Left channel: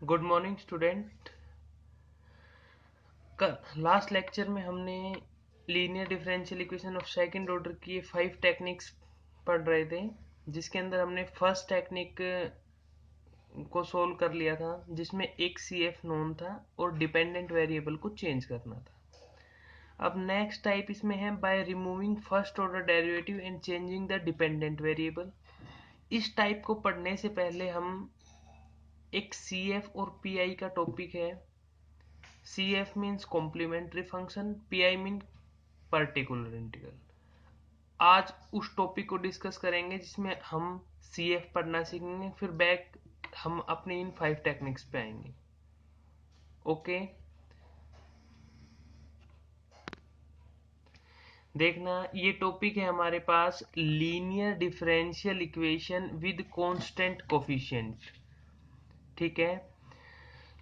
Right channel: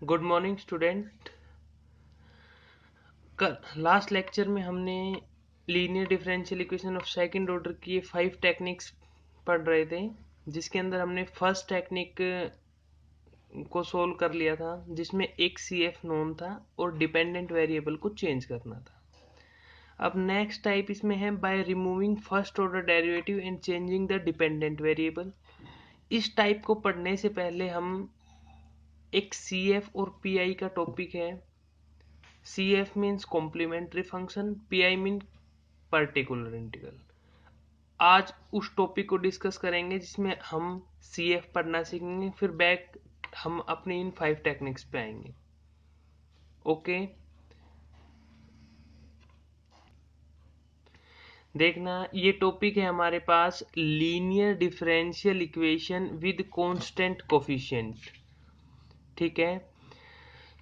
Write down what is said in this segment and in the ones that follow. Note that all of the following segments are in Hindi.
Good morning student. कल लास्ट लेक्चर में हमने linear differential equation of second order की 5 टेक्निक्स पढ़ रहे थे, जिसके अंदर हमने फर्स्ट टेक्निक को सोल्व कर लिया था, जिसमें एक सी एफ नोन था और डिपेंडेंट वेरिएबल को चेंज करना था। अब नेक्स्ट टाइप इसमें है by removing first order derivative and changing the dependent variable. इस टाइप को पढ़ने से पहले हम एक सी एफ और पी आई का टॉपिक है। CF means complementary function, PI mean particular integral. आज उस टॉपिक को डिस्कस करेंगे जिसमें हम CF पढ़ना सीखेंगे, फिर बैक हम अपने इन 5 टेक्निक्स पे आएंगे। ओके, देखना ये टॉपिक है हमारे पास linear differential equation with constant coefficient. ठीक है,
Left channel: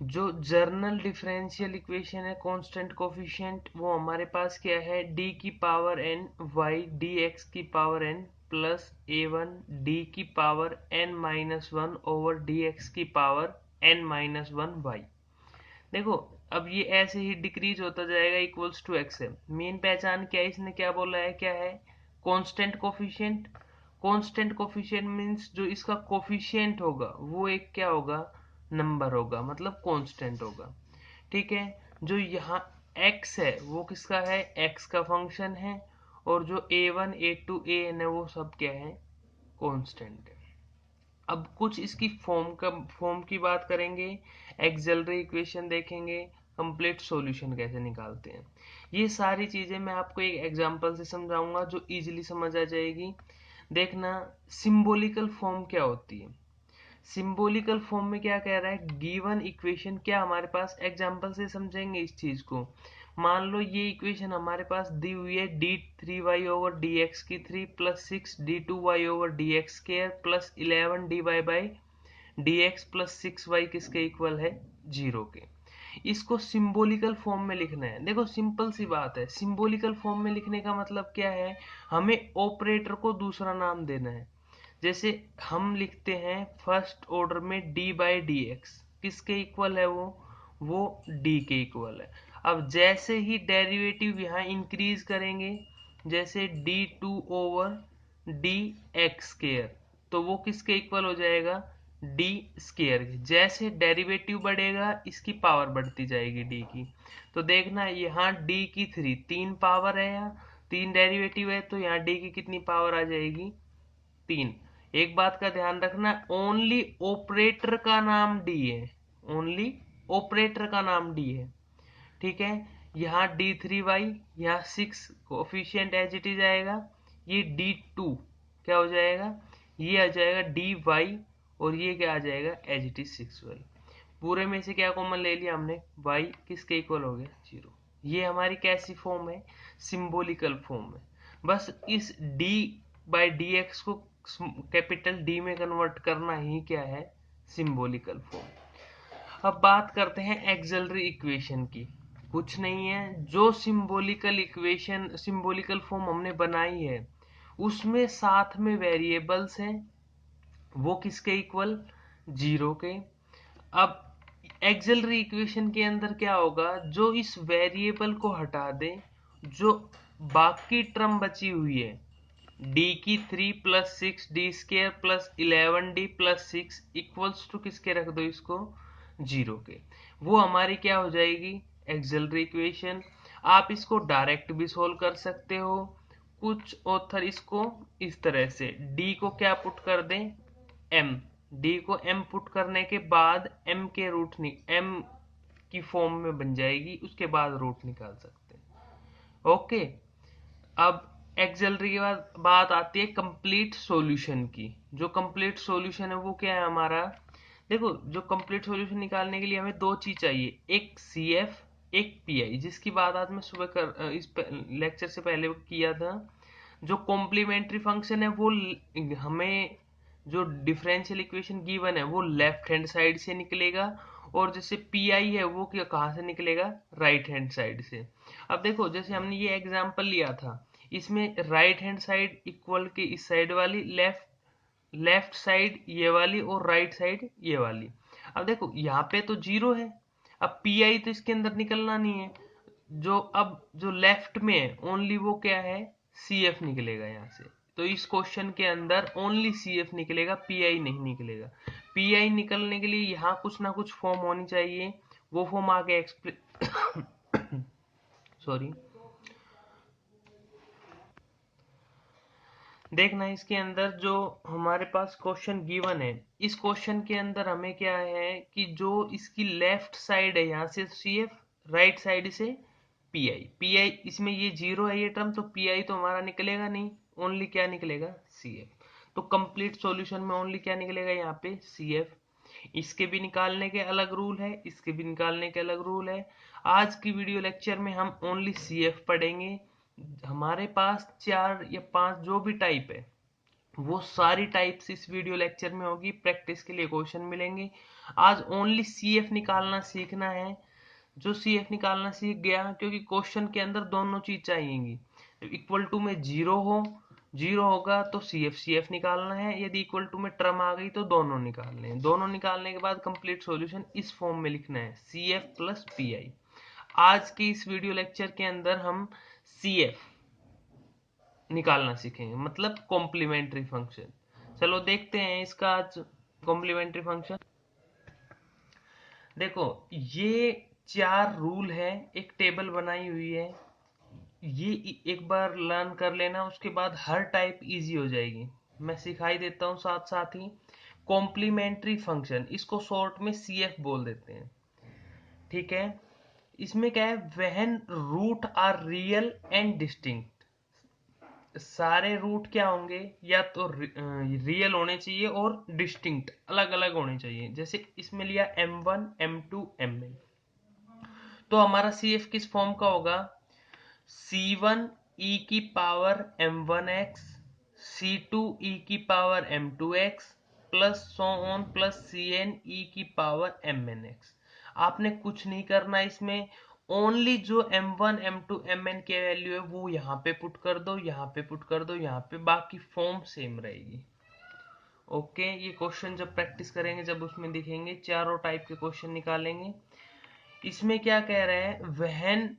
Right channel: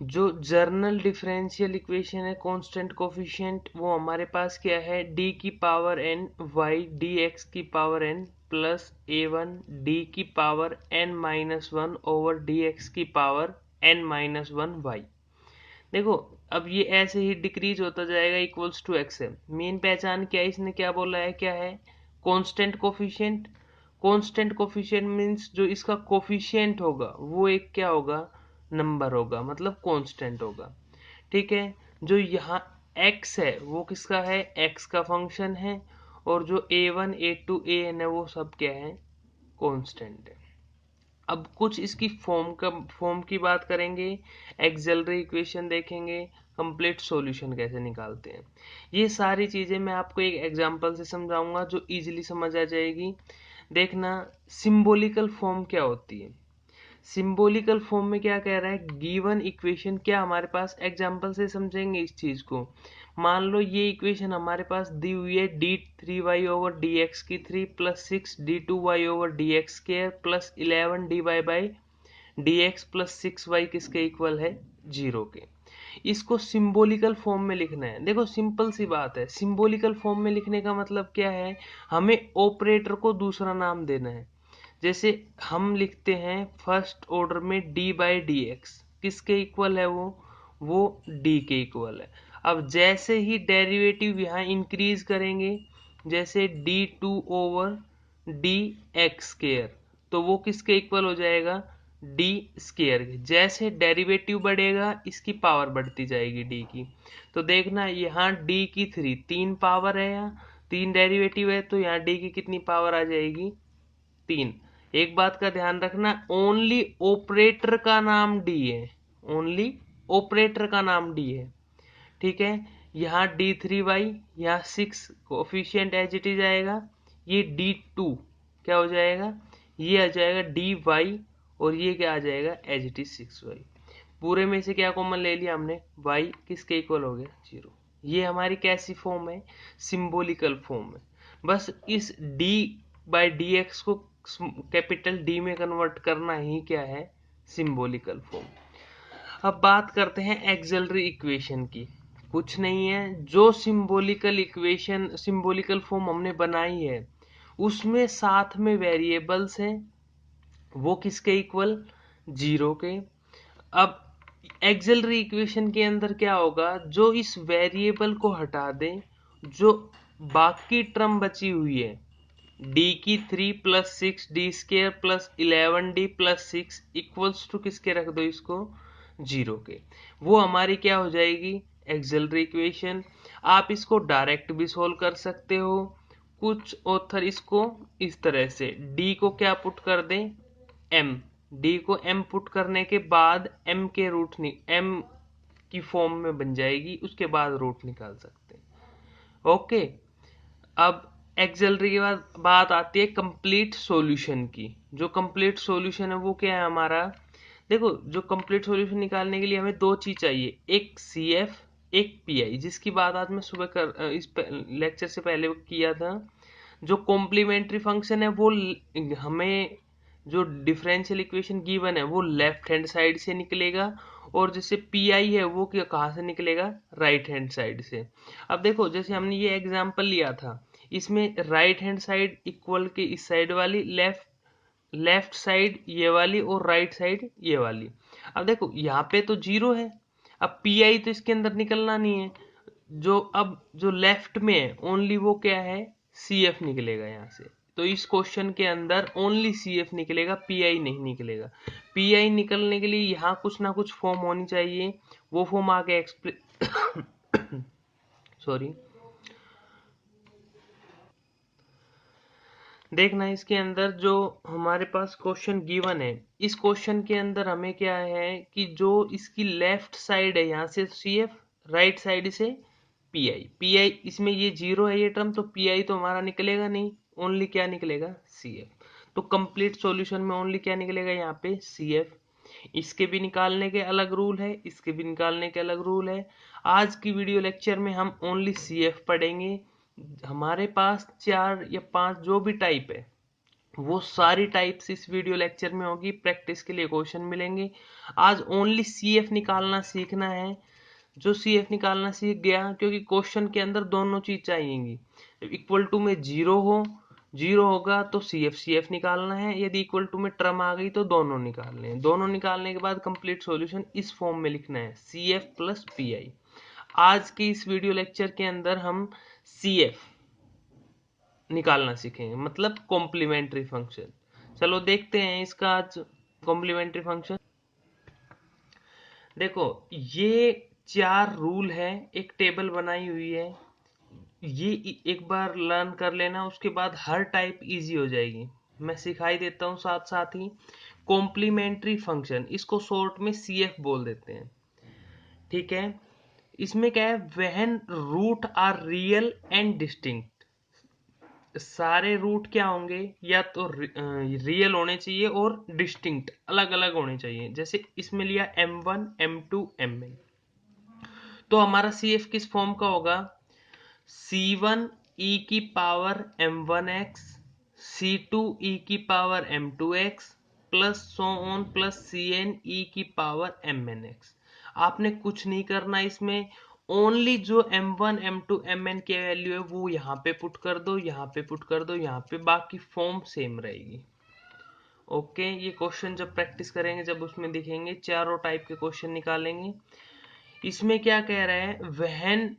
जो जर्नल डिफरेंशियल इक्वेशन है कांस्टेंट कोफिशिएंट, वो हमारे पास क्या है, d की पावर n y dx की power n plus a1 d की power n minus one over dx की power n minus one y। देखो अब ये ऐसे ही डिक्रीज होता जाएगा इक्वल्स टू x है। मेन पहचान क्या है, इसने क्या बोला है, क्या है, constant coefficient. Constant coefficient means जो इसका कोफिशिएंट होगा वो एक क्या होगा, नंबर होगा, मतलब कांस्टेंट होगा। ठीक है, जो यहाँ x है वो किसका है, x का फंक्शन है, और जो a1 a2 an है वो सब क्या है, कांस्टेंट है। अब कुछ इसकी फॉर्म की बात करेंगे, एक्सेलरी इक्वेशन देखेंगे, कंप्लीट सॉल्यूशन कैसे निकालते हैं। ये सारी चीजें मैं आपको एक एग्जांपल से समझाऊंगा जो इजीली समझ आ जाएगी। देखना सिंबॉलिकल फॉर्म क्या होती है। सिंबॉलिकल फॉर्म में क्या कह रहा है, गिवन इक्वेशन, क्या हमारे पास एग्जांपल से समझेंगे इस चीज को। मान लो ये इक्वेशन हमारे पास दी हुई है d3y ओवर डी एक्स की 3 plus 6d2y over D x square plus 11dy by D x plus 6y किसके इक्वल है, 0 के। इसको सिंबॉलिकल फॉर्म में लिखना है। देखो सिंपल सी बात है, सिंबॉलिकल फॉर्म में लिखने का मतलब क्या है, हमें ऑपरेटर को दूसरा नाम देना है। जैसे हम लिखते हैं फर्स्ट ऑर्डर में d बाई डी एक्स किसके इक्वल है, वो d के इक्वल है। अब जैसे ही डेरिवेटिव यहाँ इंक्रीज करेंगे, जैसे d2 over D x square, तो वो किसके इक्वल हो जाएगा, d स्केयर के। जैसे डेरिवेटिव बढ़ेगा इसकी पावर बढ़ती जाएगी d की। तो देखना यहाँ d की 3 पावर है, यहाँ 3 डेरिवेटिव है, तो यहाँ d की कितनी पावर आ जाएगी, 3। एक बात का ध्यान रखना, ओनली ऑपरेटर का नाम डी है, ओनली ऑपरेटर का नाम डी है। ठीक है, यहाँ d3y, यहाँ 6 कोफिशिएंट एज इट इज आएगा, ये d2 क्या हो जाएगा, ये आ जाएगा dy, और ये क्या आ जाएगा एज इट इज 6y। पूरे में से क्या कॉमन ले लिया हमने, y किसके इक्वल हो गया, 0। ये हमारी कैसी फॉर्म है, सिंबॉलिकल फॉर्म है। बस इस d बाई डी एक्स को कैपिटल D में कन्वर्ट करना ही क्या है, सिंबॉलिकल फॉर्म। अब बात करते हैं एक्सिलरी इक्वेशन की। कुछ नहीं है, जो सिंबॉलिकल इक्वेशन सिंबॉलिकल फॉर्म हमने बनाई है उसमें साथ में वेरिएबल्स हैं, वो किसके इक्वल, 0 के। अब एक्सिलरी इक्वेशन के अंदर क्या होगा, जो इस वेरिएबल को हटा दे, जो बाकी टर्म बची हुई है d की 3 plus 6d square plus 11d plus 6 equals to किसके रख दो इसको, 0 के, वो हमारी क्या हो जाएगी, एक्सिलरी इक्वेशन। आप इसको डायरेक्ट भी सोल्व कर सकते हो, कुछ ऑथर इसको इस तरह से d को क्या पुट कर दें, m, d को m पुट करने के बाद m के रूट m की फॉर्म में बन जाएगी, उसके बाद रूट निकाल सकते हैं। ओके, अब एक्सिलरी के बाद बात आती है कंप्लीट सॉल्यूशन की। जो कंप्लीट सॉल्यूशन है वो क्या है हमारा, देखो जो कंप्लीट सॉल्यूशन निकालने के लिए हमें दो चीज चाहिए, एक CF एक PI, जिसकी बात आज मैं सुबह इस लेक्चर से पहले किया था। जो कॉम्प्लीमेंट्री फंक्शन है वो हमें, जो डिफरेंशियल इक्वेशन गिवन है वो लेफ्ट हैंड साइड से निकलेगा, और जैसे PI है वो कहाँ से निकलेगा, राइट हैंड साइड से। अब देखो जैसे हमने ये एग्जांपल लिया था, इसमें राइट हैंड साइड इक्वल के इस साइड वाली, लेफ्ट साइड ये वाली, और राइट साइड ये वाली। अब देखो यहाँ पे तो 0 है, अब पी आई तो इसके अंदर निकलना नहीं है, अब जो लेफ्ट में है ओनली वो क्या है, सी एफ निकलेगा यहाँ से। तो इस क्वेश्चन के अंदर ओनली सी एफ निकलेगा, पी आई नहीं निकलेगा। पी आई निकलने के लिए यहाँ कुछ ना कुछ फॉर्म होनी चाहिए, वो फॉर्म आगे सॉरी देखना इसके अंदर जो हमारे पास क्वेश्चन गिवन है, इस क्वेश्चन के अंदर हमें क्या है कि जो इसकी लेफ्ट साइड है यहाँ से सी एफ, राइट साइड से पी आई, इसमें ये 0 है ये टर्म, तो पी आई तो हमारा निकलेगा नहीं, ओनली क्या निकलेगा, सी एफ। तो कंप्लीट सॉल्यूशन में ओनली क्या निकलेगा यहाँ पे, सी एफ। इसके भी निकालने के अलग रूल है, इसके भी निकालने के अलग रूल है। आज की वीडियो लेक्चर में हम ओनली सी एफ पढ़ेंगे। हमारे पास 4 या 5 जो भी टाइप है वो सारी टाइप्स इस वीडियो लेक्चर में होगी, प्रैक्टिस के लिए क्वेश्चन मिलेंगे। आज ओनली सी एफ निकालना सीखना है। जो सी एफ निकालना सीख गया, क्योंकि क्वेश्चन के अंदर दोनों चीज चाहिएंगी, इक्वल टू में 0 हो, 0 होगा तो सी एफ निकालना है, यदि इक्वल टू में टर्म आ गई तो दोनों निकालने हैं। दोनों निकालने के बाद कंप्लीट सॉल्यूशन इस फॉर्म में लिखना है, C F plus P I. आज के इस वीडियो लेक्चर के अंदर हम सी एफ निकालना सीखेंगे, मतलब कॉम्प्लीमेंट्री फंक्शन। चलो देखते हैं इसका आज कॉम्प्लीमेंट्री फंक्शन। देखो ये 4 रूल है, एक टेबल बनाई हुई है, ये एक बार लर्न कर लेना, उसके बाद हर टाइप इजी हो जाएगी। मैं सिखाई देता हूँ साथ साथ ही। कॉम्प्लीमेंट्री फंक्शन, इसको शॉर्ट में सी एफ बोल देते हैं, ठीक है। इसमें क्या है, when root are real and distinct, सारे रूट क्या होंगे, या तो रियल होने चाहिए और डिस्टिंक्ट अलग अलग होने चाहिए। जैसे इसमें लिया m1 m2 mn, तो हमारा सी एफ किस फॉर्म का होगा, c1 e की पावर m1x, c2 e की power m2x plus so on plus cn e की पावर mnx। आपने कुछ नहीं करना इसमें, ओनली जो m1 m2 mn की वैल्यू है वो यहाँ पे पुट कर दो, यहाँ पे पुट कर दो, यहाँ पे, बाकी फॉर्म सेम रहेगी। ओके, ये क्वेश्चन जब प्रैक्टिस करेंगे, जब उसमें दिखेंगे, चारों टाइप के क्वेश्चन निकालेंगे। इसमें क्या कह रहे हैं, when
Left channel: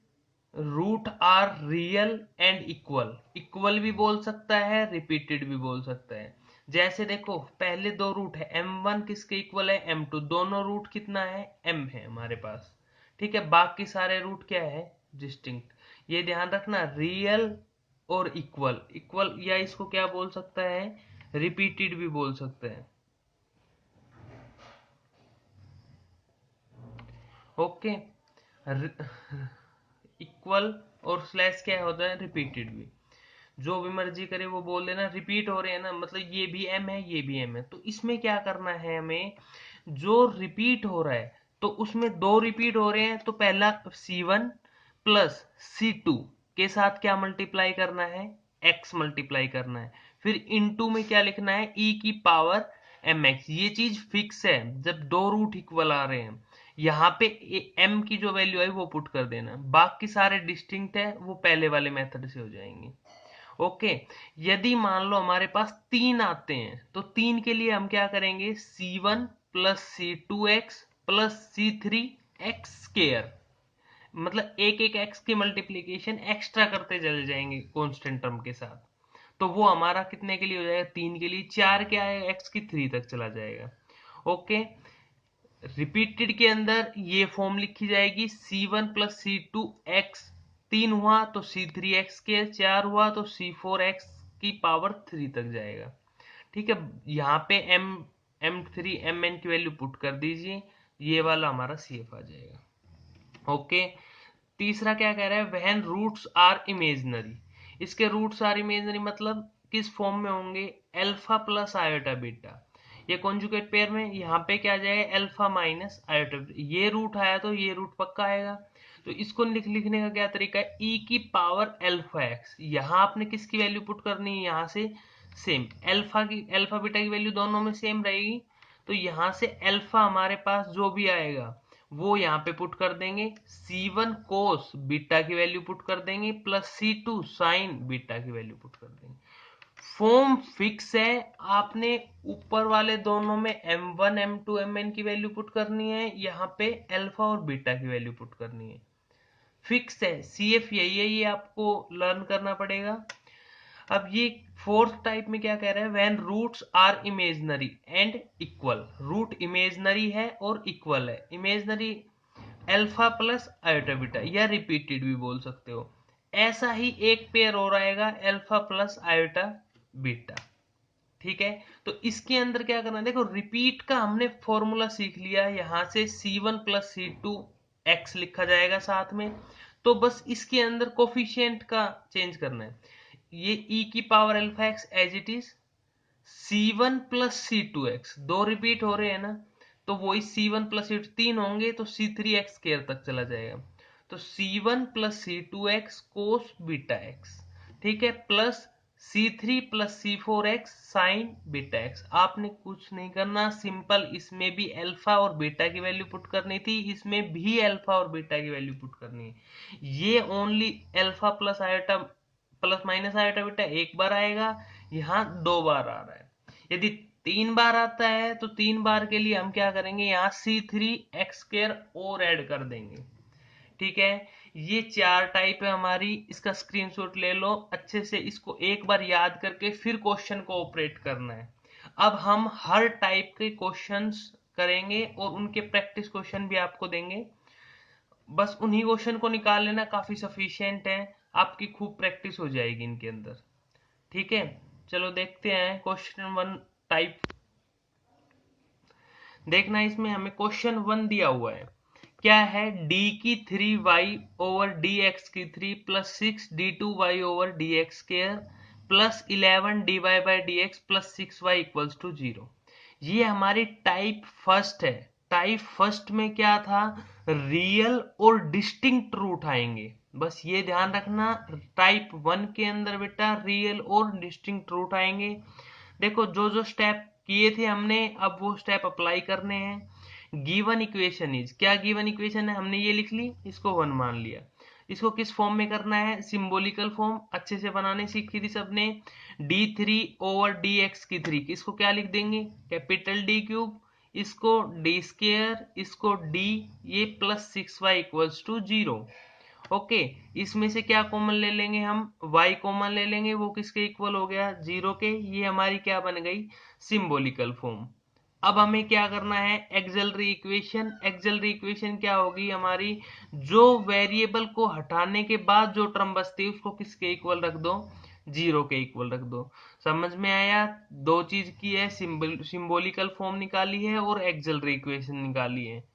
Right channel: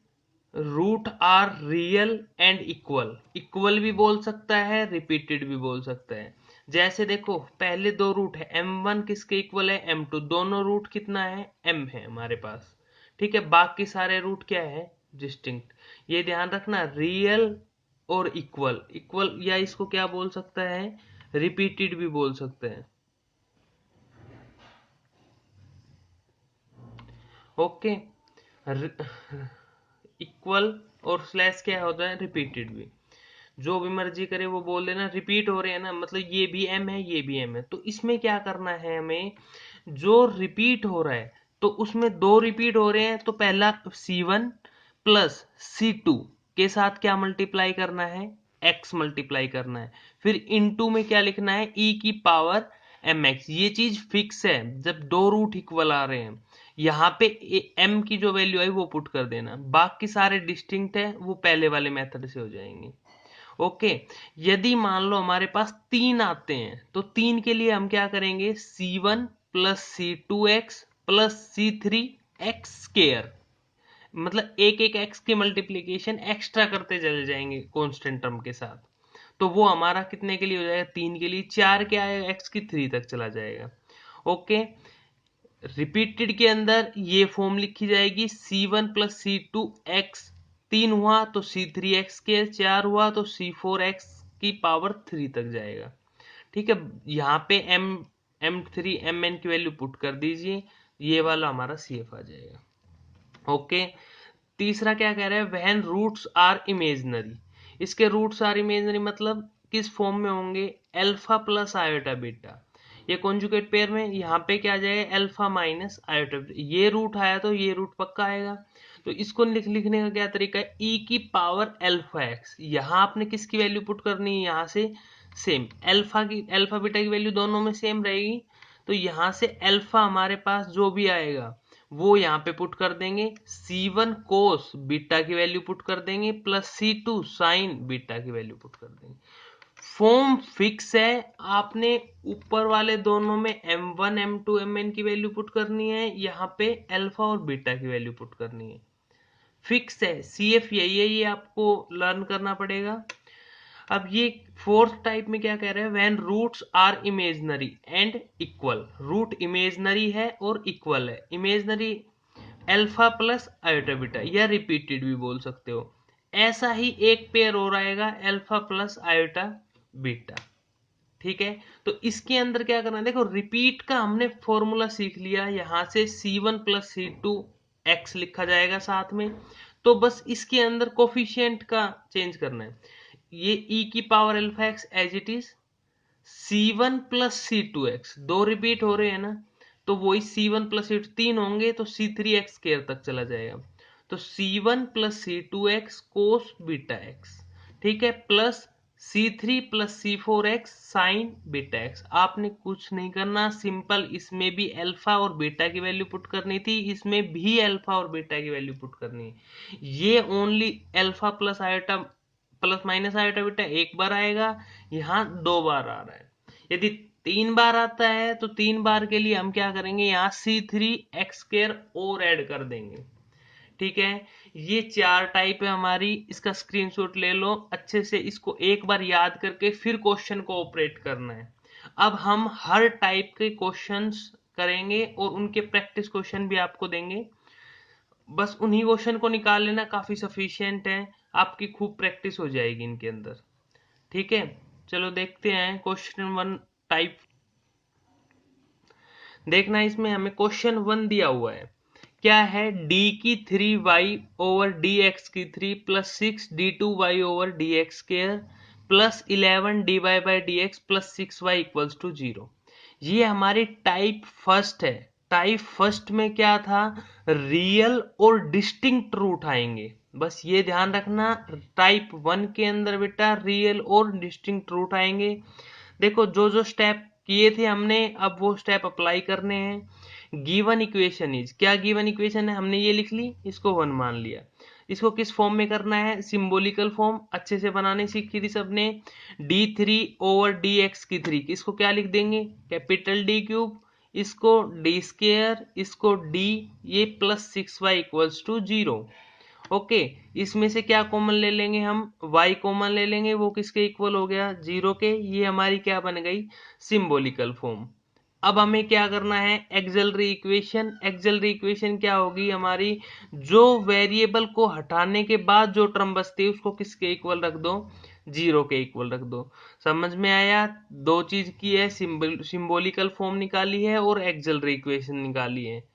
root are real and equal, equal भी बोल सकता है, रिपीटेड भी बोल सकता है। जैसे देखो पहले 2 रूट है, m1 किसके इक्वल है, m2, दोनों रूट कितना है, m है हमारे पास, ठीक है। बाकी सारे रूट क्या है, डिस्टिंक्ट। ये ध्यान रखना, रियल और इक्वल, इक्वल या इसको क्या बोल सकता है, रिपीटेड भी बोल सकते हैं। ओके, इक्वल और स्लैश क्या होता है, रिपीटेड भी। जो भी मर्जी करे वो बोल देना, रिपीट हो रहे हैं ना, मतलब ये भी एम है ये भी एम है। तो इसमें क्या करना है हमें, जो रिपीट हो रहा है तो उसमें 2 रिपीट हो रहे हैं, तो पहला C1 प्लस C2 के साथ क्या मल्टीप्लाई करना है, x मल्टीप्लाई करना है। फिर इनटू में क्या लिखना है, e की पावर mx। ये चीज फिक्स है, जब 2 रूट इक्वल आ रहे हैं यहाँ पे m की जो वैल्यू है वो पुट कर देना, बाकी सारे डिस्टिंक्ट है वो पहले वाले मेथड से हो जाएंगे। ओके, यदि मान लो हमारे पास 3 आते हैं, तो 3 के लिए हम क्या करेंगे, C1 plus C2x plus C3x square, मतलब एक एक x की मल्टीप्लीकेशन एक्स्ट्रा करते चले जाएंगे कांस्टेंट टर्म के साथ। तो वो हमारा कितने के लिए हो जाएगा, 3 के लिए, 4 के आएगा, x की 3 तक चला जाएगा। ओके, रिपीटेड के अंदर ये फॉर्म लिखी जाएगी, C1 प्लस C2x, 3 हुआ तो C3x के, 4 हुआ तो C4x की पावर 3 तक जाएगा, ठीक है। यहाँ पे m3 mn की वैल्यू पुट कर दीजिए, ये वाला हमारा CF आ जाएगा। ओके, तीसरा क्या कह रहा है, व्हेन रूट्स आर इमेजिनरी। इसके रूट्स आर इमेजिनरी मतलब किस फॉर्म में होंगे, अल्फा प्लस आयोटा बीटा। ये कॉन्जुगेट पेयर में यहाँ पे क्या आ जाएगा, अल्फा माइनस आयोटा, ये रूट आया तो ये रूट पक्का आएगा। तो इसको लिखने का क्या तरीका है, e की पावर अल्फा x, यहाँ आपने किसकी वैल्यू पुट करनी है, यहाँ से सेम अल्फा की, अल्फा बीटा की वैल्यू दोनों में सेम रहेगी। तो यहाँ से अल्फा हमारे पास जो भी आएगा वो यहाँ पे पुट कर देंगे, C1 कोस बीटा की वैल्यू पुट कर देंगे, प्लस C2 साइन बीटा की वैल्यू पुट कर देंगे। फॉर्म फिक्स है, आपने ऊपर वाले दोनों में m1 m2 mn की वैल्यू पुट करनी है, यहाँ पे अल्फा और बीटा की वैल्यू पुट करनी है। फिक्स है, CF यही है, ये आपको लर्न करना पड़ेगा। अब ये फोर्थ टाइप में क्या कह रहे हैं, when roots are imaginary and equal. Root imaginary है और इक्वल है। Imaginary alpha plus iota beta, या रिपीटेड भी बोल सकते हो। ऐसा ही एक पेयर और आएगा अल्फा प्लस आयोटा बीटा। ठीक है, तो इसके अंदर क्या करना है, देखो रिपीट का हमने फॉर्मूला सीख लिया, यहां से C1 प्लस C2 x लिखा जाएगा साथ में। तो बस इसके अंदर कोफिशिएंट का चेंज करना है, ये e की power alpha x as it is, C1 plus C2x दो रिपीट हो रहे हैं ना, तो वही C1 प्लस C2 तीन होंगे तो C3x स्केयर तक चला जाएगा। तो C1 plus C2x cos beta x, ठीक है, plus C3 plus C4x sign beta x. आपने कुछ नहीं करना, सिंपल इसमें भी अल्फा और बीटा की वैल्यू पुट करनी थी, इसमें भी अल्फा और बीटा की वैल्यू पुट करनी है। ये only alpha plus iota plus minus iota beta एक बार आएगा, यहाँ दो बार आ रहा है। यदि तीन बार आता है तो तीन बार के लिए हम क्या करेंगे, यहाँ C3x² और ऐड कर देंगे। ठीक है, ये चार टाइप है हमारी, इसका स्क्रीनशॉट ले लो अच्छे से, इसको एक बार याद करके फिर क्वेश्चन को ऑपरेट करना है। अब हम हर टाइप के क्वेश्चंस करेंगे और उनके प्रैक्टिस क्वेश्चन भी आपको देंगे। बस उन्हीं क्वेश्चन को निकाल लेना, काफी सफिशिएंट है, आपकी खूब प्रैक्टिस हो जाएगी इनके अंदर। ठीक है, चलो देखते हैं क्वेश्चन 1 टाइप। देखना, इसमें हमें क्वेश्चन 1 दिया हुआ है, क्या है, d की 3y ओवर dx की 3 plus 6 d2y over dx square plus 11 dy by dx plus 6y equals to 0। ये हमारी टाइप फर्स्ट है। टाइप फर्स्ट में क्या था, रियल और डिस्टिंक्ट रूट आएंगे, बस ये ध्यान रखना। टाइप 1 के अंदर बेटा रियल और डिस्टिंक्ट रूट आएंगे। देखो जो जो स्टेप किए थे हमने, अब वो स्टेप अप्लाई करने हैं। गिवन इक्वेशन इज, क्या गिवन इक्वेशन है, हमने ये लिख ली, इसको 1 मान लिया। इसको किस फॉर्म में करना है, सिंबॉलिकल फॉर्म अच्छे से बनाने सीखी थी सबने। d3 ओवर dx की 3, इसको क्या लिख देंगे, कैपिटल D क्यूब, इसको d स्क्वायर, इसको d, ये plus 6y equals to 0। Okay, इसमें से क्या कॉमन ले लेंगे हम, y कॉमन ले लेंगे, वो किसके इक्वल हो गया, 0 के। ये हमारी क्या बन गई, सिंबॉलिकल फॉर्म। अब हमें क्या करना है, एक्सिलरी इक्वेशन। एक्सिलरी इक्वेशन क्या होगी हमारी, जो वेरिएबल को हटाने के बाद जो टर्म बचती है उसको किसके इक्वल रख दो, 0 के इक्वल रख दो। समझ में आया, दो चीज की है, सिंबॉलिकल फॉर्म निकाली है और एक्सिलरी इक्वेशन निकाली है।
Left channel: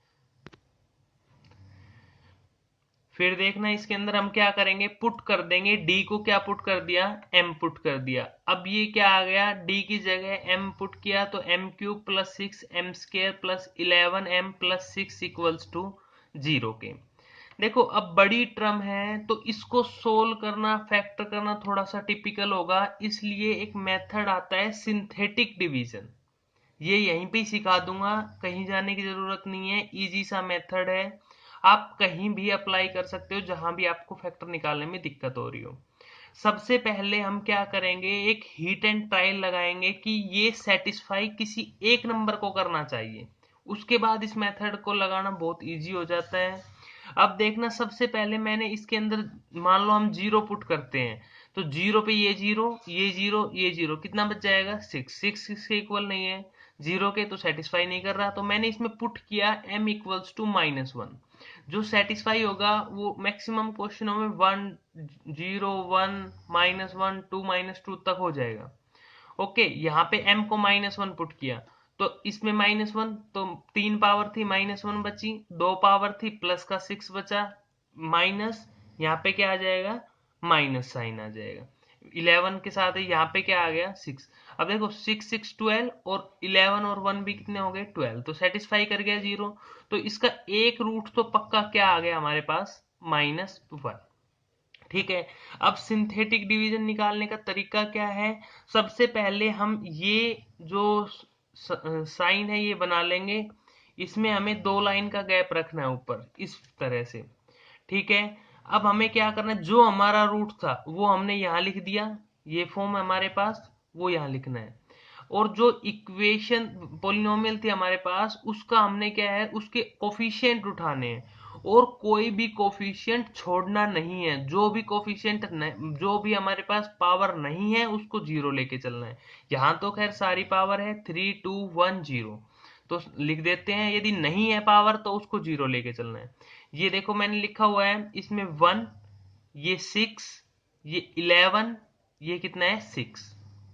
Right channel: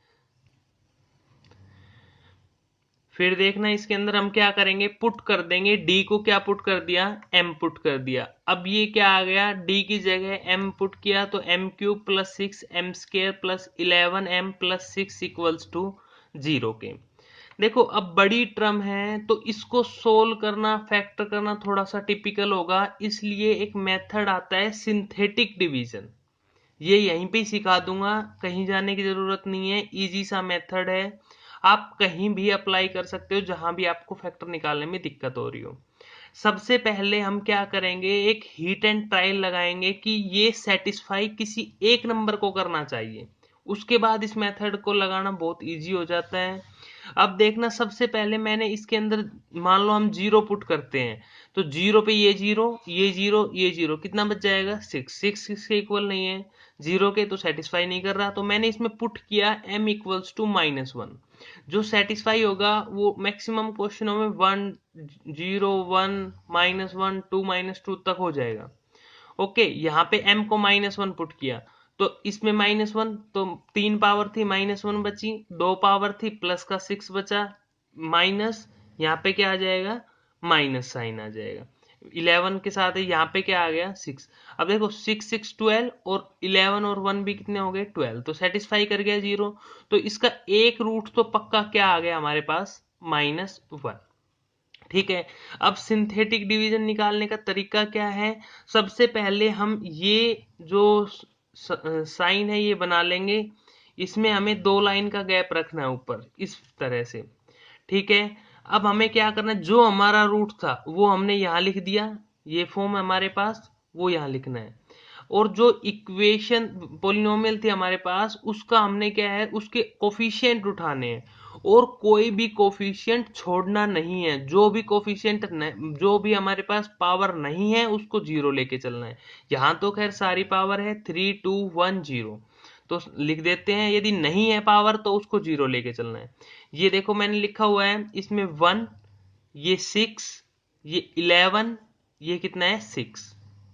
फिर देखना, इसके अंदर हम क्या करेंगे, पुट कर देंगे, d को क्या पुट कर दिया, m पुट कर दिया। अब ये क्या आ गया, d की जगह m पुट किया तो m cube plus 6 m square plus 11m plus 6 equals to 0 के। देखो अब बड़ी टर्म है तो इसको सोल्व करना, फैक्टर करना थोड़ा सा टिपिकल होगा, इसलिए एक मेथड आता है सिंथेटिक डिवीजन। ये यहीं पे ही सिखा दूंगा, कहीं जाने की जरूरत नहीं है, इजी सा मेथड है, आप कहीं भी अप्लाई कर सकते हो जहां भी आपको फैक्टर निकालने में दिक्कत हो रही हो। सबसे पहले हम क्या करेंगे, एक हीट एंड ट्रायल लगाएंगे कि ये सेटिस्फाई किसी एक नंबर को करना चाहिए, उसके बाद इस मेथड को लगाना बहुत इजी हो जाता है। अब देखना, सबसे पहले मैंने इसके अंदर, मान लो हम 0 पुट करते हैं, तो 0 पे ये 0 ये 0 ये 0, कितना बच जाएगा, 6। 6 इसके इक्वल नहीं है 0 के, तो सेटिस्फाई नहीं कर रहा, तो मैंने इसमें पुट किया m इक्वल्स टू -1। जो सेटिस्फाई होगा वो मैक्सिमम क्वेश्चनों में 1 0 1 -1 2 -2 तक हो जाएगा। ओके, यहाँ पे m को -1 पुट किया तो इसमें -1, तो 3 पावर थी -1 बची, 2 पावर थी प्लस का 6 बचा, माइनस, यहाँ पे क्या आ जाएगा, माइनस साइन आ जाएगा। 11 के साथ यहाँ पे क्या आ गया, 6। अब देखो 6 6 12 और 11 और 1 भी कितने हो गए, 12, तो सेटिस्फाई कर गया 0। तो इसका एक रूट तो पक्का क्या आ गया हमारे पास, -1। ठीक है, अब सिंथेटिक डिवीजन निकालने का तरीका क्या है, सबसे पहले हम ये जो साइन है ये बना लेंगे, इसमें हमें 2 लाइन का गैप रखना है ऊपर इस तरह से। ठीक है, अब हमें क्या करना है, जो हमारा रूट था वो हमने यहाँ लिख दिया, ये फॉर्म है हमारे पास। वो यहाँ लिखना है। और जो इक्वेशन पोलिनोमियल थी हमारे पास, उसका हमने क्या है, उसके कोफिशिएंट उठाने हैं, और कोई भी कोफिशिएंट छोड़ना नहीं है। जो भी कोफिशिएंट, जो भी हमारे पास पावर नहीं है उसको जीरो लेके चलना है। यहाँ तो खैर सारी पावर है, 3 2 1 0, तो लिख देते हैं। यदि नहीं है पावर तो उसको जीरो लेके चलना है। ये देखो मैंने लिखा हुआ है, इसमें 1, ये 6, ये 11, ये कितना है 6।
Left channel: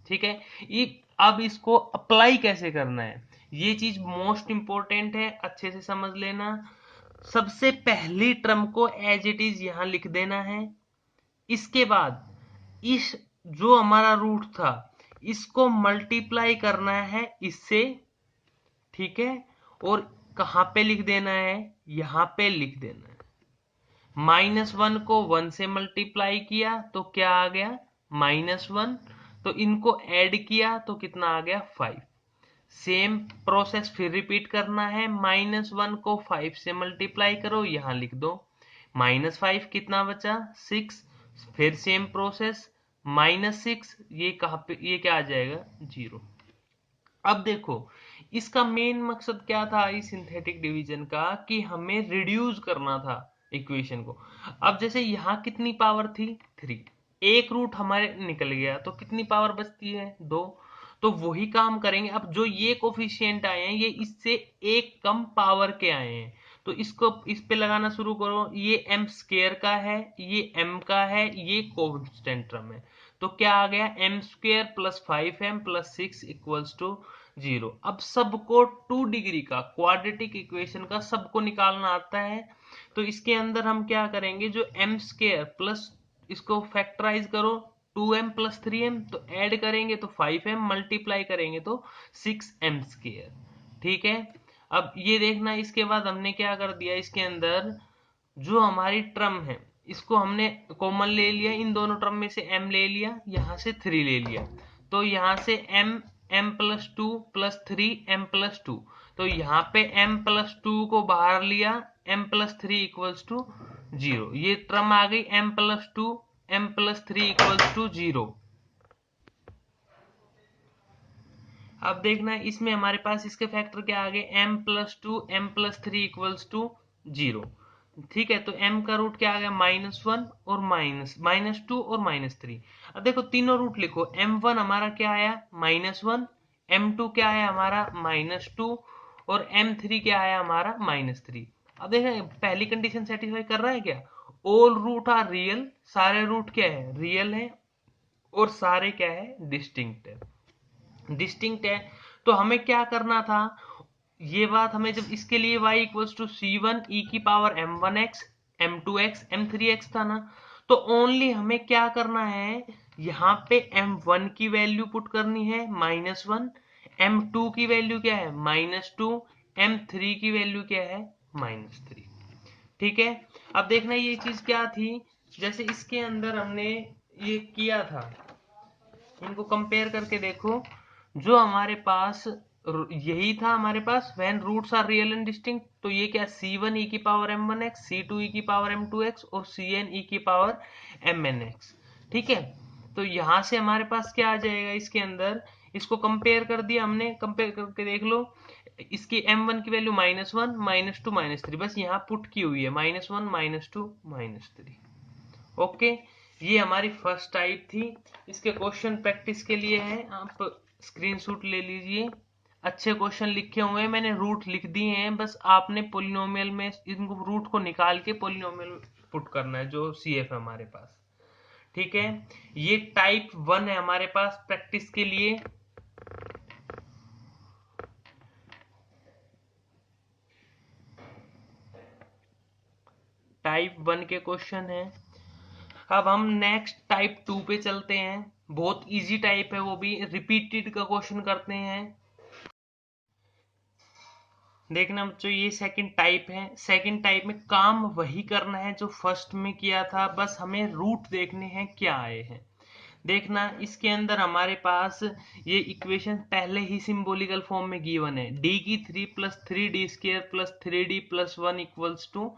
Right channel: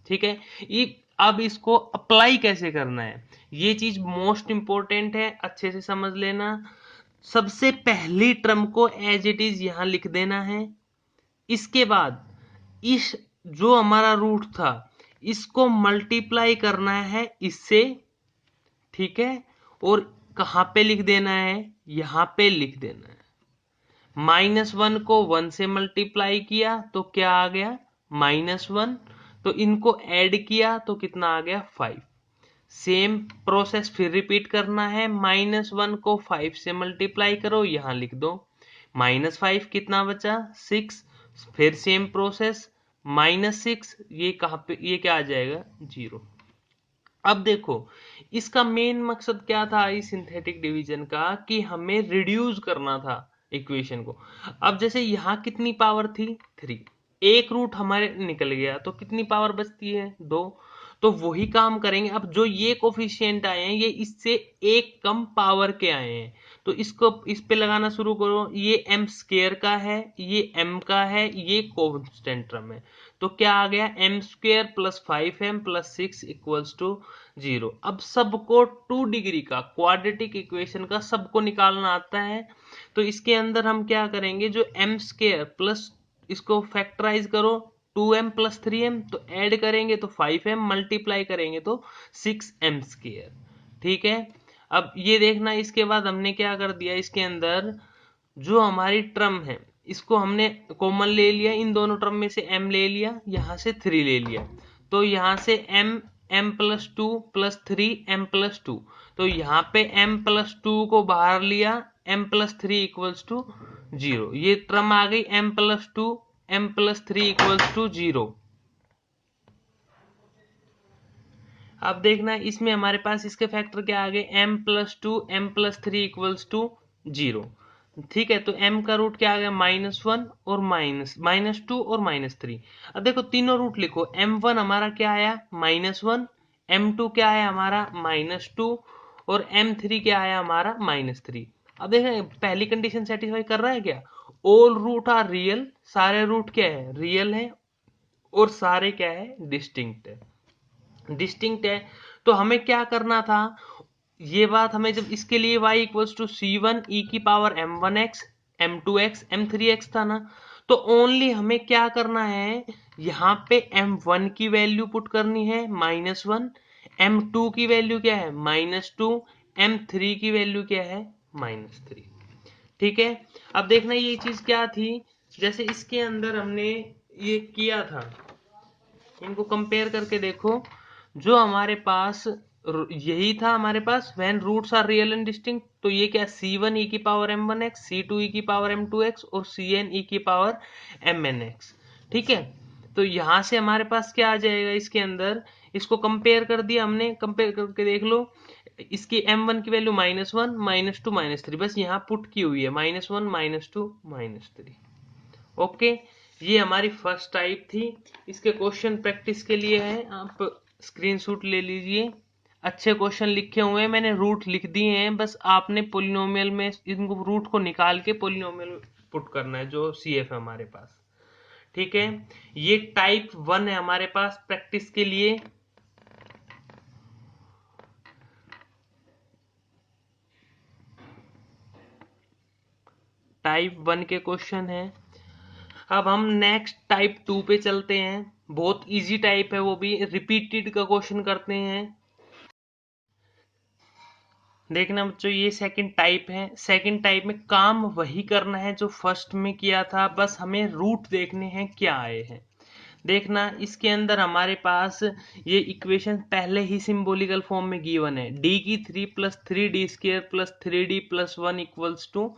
ठीक है, ये अब इसको अप्लाई कैसे करना है, ये चीज मोस्ट इंपॉर्टेंट है, अच्छे से समझ लेना। सबसे पहली टर्म को एज इट इज यहां लिख देना है। इसके बाद इस जो हमारा रूट था इसको मल्टीप्लाई करना है इससे, ठीक है। और कहां पे लिख देना है, यहां पे लिख देना है। -1 को 1 से मल्टीप्लाई किया तो क्या आ गया, -1। तो इनको ऐड किया तो कितना आ गया, 5। सेम प्रोसेस फिर रिपीट करना है। -1 को 5 से मल्टीप्लाई करो, यहां लिख दो। -5 कितना बचा, 6। फिर सेम प्रोसेस, -6, ये कहां पे, ये क्या आ जाएगा, 0। अब देखो, इसका मेन मकसद क्या था इस सिंथेटिक डिवीजन का, कि हमें रिड्यूस करना था इक्वेशन को। अब जैसे यहाँ कितनी पावर थी, 3, एक रूट हमारे निकल गया तो कितनी पावर बचती है, 2। तो वही काम करेंगे। अब जो ये कोफिशिएंट आए हैं ये इससे एक कम पावर के आए हैं, तो इसको इस पे लगाना शुरू करो। ये एम स्क्वायर का है, ये एम का है, ये कांस्टेंट टर्म है। तो क्या आ गया, M square plus 5m plus 6 equals to 0। अब सबको 2 डिग्री का क्वाड्रेटिक इक्वेशन का सबको निकालना आता है। तो इसके अंदर हम क्या करेंगे, जो एम स्क्वायर प्लस, इसको फैक्टराइज करो, 2m प्लस 3m, तो ऐड करेंगे तो 5m, मल्टीप्लाई करेंगे तो 6m स्क्वायर। ठीक है, अब ये देखना, इसके बाद हमने क्या कर दिया, इसके अंदर जो हमारी ट्रम है इसको हमने कॉमन ले लिया, इन दोनों टर्म में से m ले लिया, यहां से 3 ले लिया। तो यहां से m plus 2 plus 3 m plus 2, तो यहाँ पे m प्लस 2 को बाहर लिया, m प्लस 3 इक्वल्स टू 0। ये टर्म आ गई m plus 2 m plus 3 equals to 0। अब देखना इसमें हमारे पास इसके फैक्टर क्या आ गए, m plus 2 m plus 3 equals to 0। ठीक है, तो m का रूट क्या आ गया, -1 और -2 और -3। अब देखो तीनों रूट लिखो, m1 हमारा क्या आया, -1, m2 क्या आया हमारा, -2, और m3 क्या आया हमारा, -3। अब देखो पहली कंडीशन सेटिस्फाई कर रहा है क्या, ऑल रूट आर रियल, सारे रूट क्या है, रियल है, और सारे क्या है, डिस्टिंक्ट है। डिस्टिंक्ट है तो हमें क्या करना था, ये बात हमें, जब इसके लिए y equals to c1 e की पावर m1x m2x m3x था ना, तो ओनली हमें क्या करना है, यहाँ पे m1 की वैल्यू पुट करनी है -1, m2 की वैल्यू क्या है, -2, m3 की वैल्यू क्या है, -3। ठीक है, अब देखना ये चीज क्या थी, जैसे इसके अंदर हमने ये किया था, इनको कंपेयर करके देखो। जो हमारे पास यही था हमारे पास, when roots are real and distinct, तो ये क्या, c1 e की पावर m1x, c2 e की पावर m2x और cn e की पावर mnx। ठीक है, तो यहां से हमारे पास क्या आ जाएगा, इसके अंदर इसको कंपेयर कर दिया हमने, कंपेयर करके देख लो। इसकी m1 की वैल्यू -1 -2 -3, बस यहाँ पुट की हुई है, -1 -2 -3। ओके, ये हमारी फर्स्ट टाइप थी। इसके क्वेश्चन प्रैक्टिस के लिए है, आप स्क्रीनशॉट ले लीजिए। अच्छे क्वेश्चन लिखे हुए हैं, मैंने रूट लिख दिए हैं, बस आपने पोलिनोमियल में इनको रूट को निकाल के पोलिनोमियल पुट करना है, जो सीएफ है हमारे पास। ठीक है, ये टाइप 1 है हमारे पास प्रैक्टिस के लिए। टाइप 1 के क्वेश्चन है। अब हम नेक्स्ट टाइप 2 पे चलते हैं। बहुत इजी टाइप है, वो भी रिपीटेड का क्वेश्चन करते हैं। देखना बच्चों, ये सेकंड टाइप है। सेकंड टाइप में काम वही करना है जो फर्स्ट में किया था, बस हमें रूट देखने हैं क्या आए हैं। देखना इसके अंदर हमारे पास ये इक्वेशन पहले ही सिंबॉलिकल फॉर्म में गिवन है, d की 3 plus 3d square plus 3d plus 1 equals to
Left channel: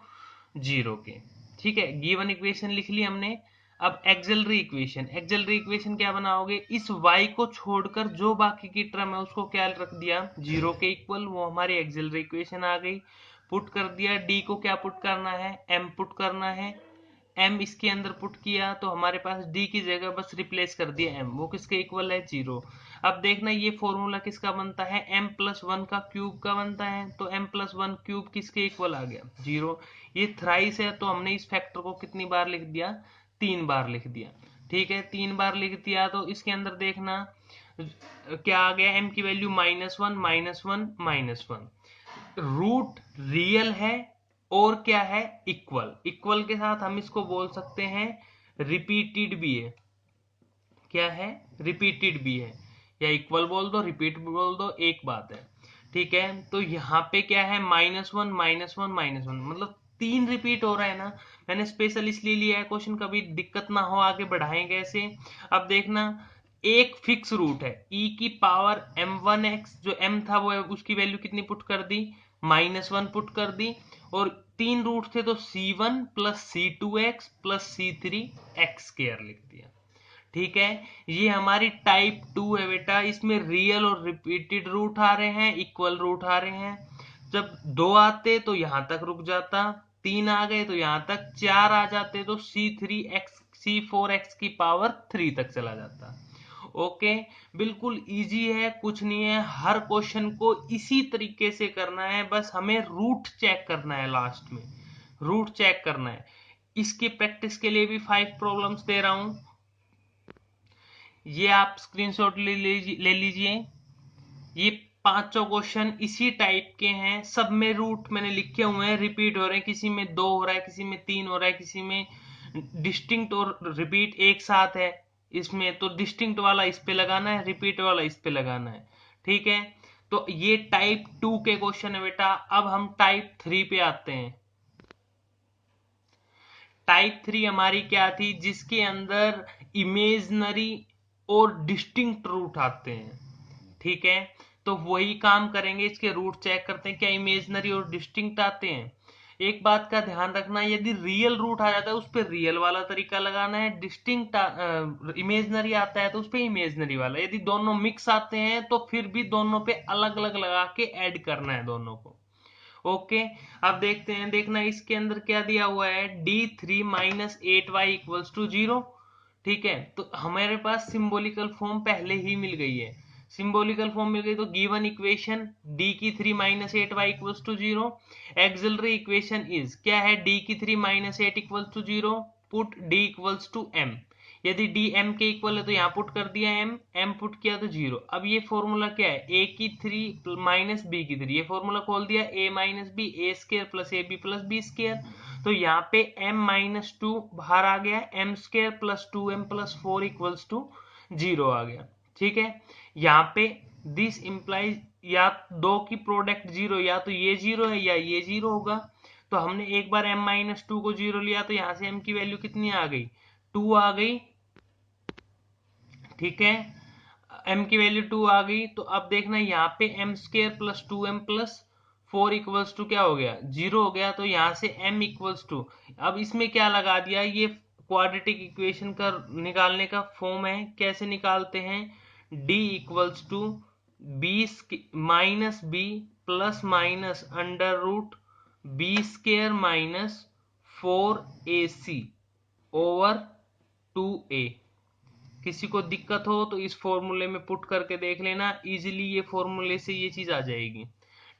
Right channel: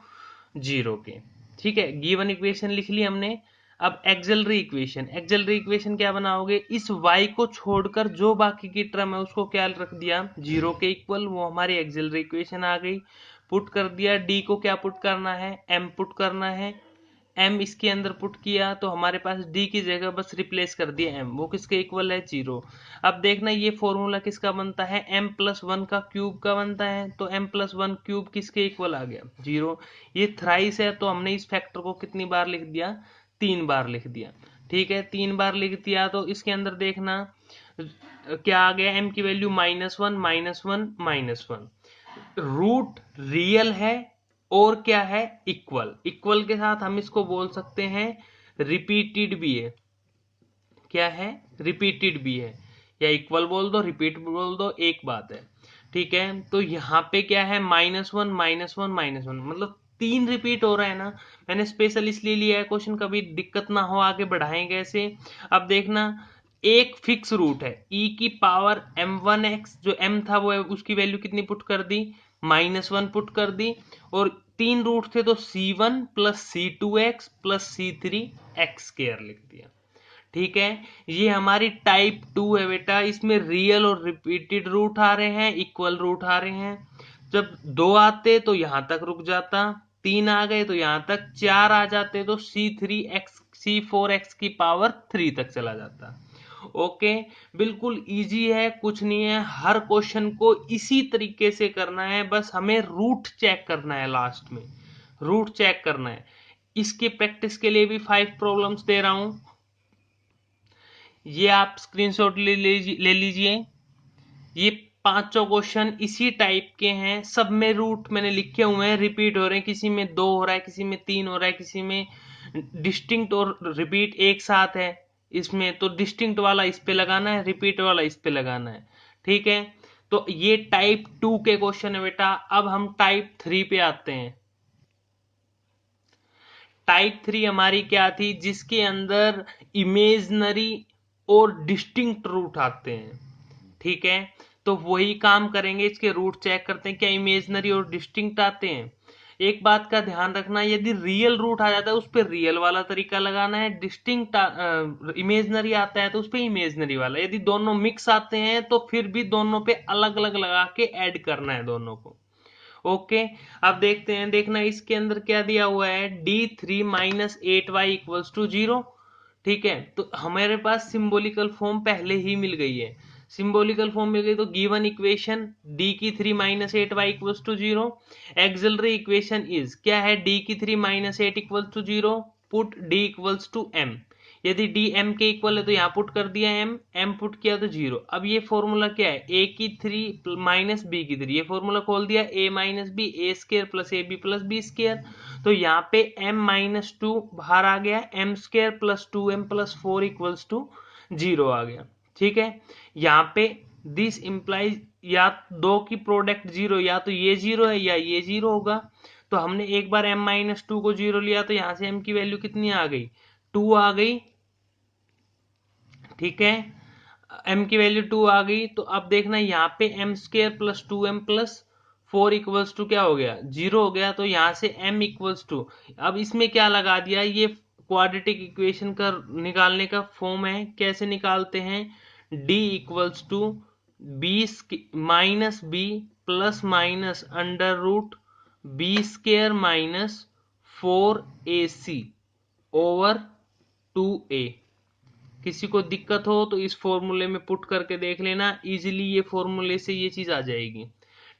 0 के। ठीक है, गिवन इक्वेशन लिख ली हमने। अब एक्सिलरी इक्वेशन क्या बनाओगे, इस y को छोड़कर जो बाकी की टर्म है उसको क्या रख दिया, 0 के इक्वल, वो हमारी एक्सिलरी इक्वेशन आ गई। पुट कर दिया, d को क्या पुट करना है, m पुट करना है, m इसके अंदर पुट किया तो हमारे पास d की जगह बस रिप्लेस कर दिया m, वो किसके इक्वल है, 0। अब देखना ये फॉर्मूला किसका बनता है, m+1 का क्यूब का बनता है, तो m+1 क्यूब किसके इक्वल आ गया, 0। ये थ्राइस है तो हमने इस फैक्टर को कितनी बार लिख दिया, 3 बार लिख दिया। ठीक है, 3 बार लिख दिया तो इसके अंदर देखना क्या आ गया, m की वैल्यू -1 -1 रूट रियल है और क्या है, इक्वल के साथ हम इसको बोल सकते हैं रिपीटेड भी है, क्या है, रिपीटेड भी है, या इक्वल बोल दो रिपीट बोल दो, एक बात है। ठीक है, तो यहाँ पे क्या है, -1 -1 मतलब 3 रिपीट हो रहा है ना, मैंने स्पेशल इसलिए लिया है, क्वेश्चन कभी दिक्कत ना हो आगे बढ़ाएंगे ऐसे। अब देखना एक फिक्स रूट है e की पावर m1x, जो m था वो उसकी वैल्यू कितनी पुट कर दी, -1 पुट कर दी, और 3 रूट थे तो c1 + c2x + c3x² लिख दिया। ठीक है, ये हमारी टाइप 2 है बेटा, इसमें रियल और रिपीटेड रूट आ रहे हैं, इक्वल रूट आ रहे हैं। जब 2 आते तो यहां तक रुक जाता, 3 आ गए तो यहां तक, 4 आ जाते तो c4x की पावर 3 तक चला जाता। ओके, बिल्कुल इजी है, कुछ नहीं है, हर क्वेश्चन को इसी तरीके से करना है, बस हमें रूट चेक करना है, लास्ट में रूट चेक करना है। इसके प्रैक्टिस के लिए भी 5 प्रॉब्लम्स दे रहा हूं, ये आप स्क्रीनशॉट ले लीजिए। ये 5 क्वेश्चन इसी टाइप के हैं, सब में रूट मैंने लिखे हुए हैं, रिपीट हो रहे हैं, किसी में 2 हो रहा है, किसी में 3 हो रहा है, किसी में डिस्टिंक्ट और रिपीट एक साथ है, इसमें तो डिस्टिंक्ट वाला इस पे लगाना है, रिपीट वाला इस पे लगाना है। ठीक है, तो ये टाइप 2 के क्वेश्चन है बेटा। अब हम टाइप 3 पे आते हैं। टाइप 3 हमारी क्या थी, जिसके अंदर इमेजनरी और डिस्टिंक्ट रूट आते हैं। ठीक है, तो वही काम करेंगे, इसके रूट चेक करते हैं क्या इमेजनरी और डिस्टिंक्ट आते हैं। एक बात का ध्यान रखना, यदि रियल रूट आ जाता है उस पर रियल वाला तरीका लगाना है, डिस्टिंक्ट इमेजनरी आता है तो उस पर इमेजनरी वाला, यदि दोनों मिक्स आते हैं तो फिर भी दोनों पे अलग अलग लगा के ऐड करना है दोनों को। ओके, अब देखते हैं, देखना इसके अंदर क्या दिया हुआ है, d3 - 8y = 0। ठीक है, तो हमारे पास सिंबॉलिकल फॉर्म पहले ही मिल गई है, सिंबॉलिकल फॉर्म मिल गई, तो given equation d3 - 8y = 0, axillary equation is क्या है, d3 - 8 = 0, पुट d = m, यदि d m के इक्वल है तो यहाँ पुट कर दिया m पुट किया तो 0। अब ये फॉर्मूला क्या है, a³ - b³, ये फॉर्मूला खोल दिया, a - b a² + ab + b², तो यहाँ पे m-2 बाहर आ गया, m² + 2m + 4 = 0 आ गया। ठीक है, यहाँ पे दिस इंप्लाइज या दो की प्रोडक्ट 0, या तो ये 0 है या ये 0 होगा, तो हमने एक बार m-2 को 0 लिया तो यहाँ से m की वैल्यू कितनी आ गई, 2 आ गई। ठीक है, m की वैल्यू 2 आ गई, तो अब देखना यहाँ पे m² + 2m + 4 = क्या हो गया, 0 हो गया, तो यहाँ से m = अब इसमें क्या लगा दिया, ये क्वाड्रेटिक इक्वेशन का निकालने का फॉर्म है, कैसे निकालते हैं, d = b - b ± √b² - 4ac/2a। किसी को दिक्कत हो तो इस फॉर्मूले में पुट करके देख लेना, इजीली ये फॉर्मूले से ये चीज आ जाएगी।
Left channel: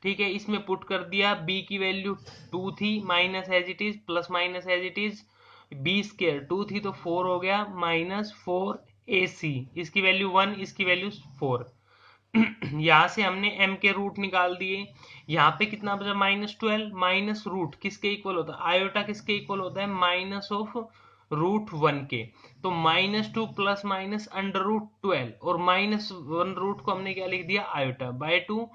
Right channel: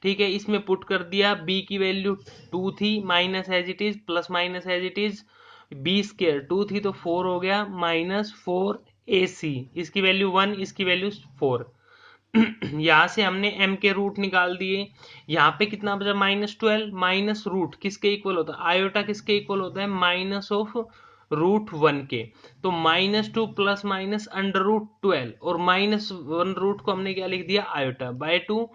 ठीक है, इसमें पुट कर दिया, b की वैल्यू 2 थी, minus as it is, plus minus as it is, b² 2 थी तो 4 हो गया, -4ac, इसकी वैल्यू 1, इसकी वैल्यू 4। यहां से हमने m के रूट निकाल दिए, यहाँ पे कितना बचा, -12, माइनस रूट किसके इक्वल होता है, आयोटा किसके इक्वल होता है, -√1 के, तो -2 + -√12, और -1 रूट को हमने क्या लिख दिया, आयोटा बाय 2।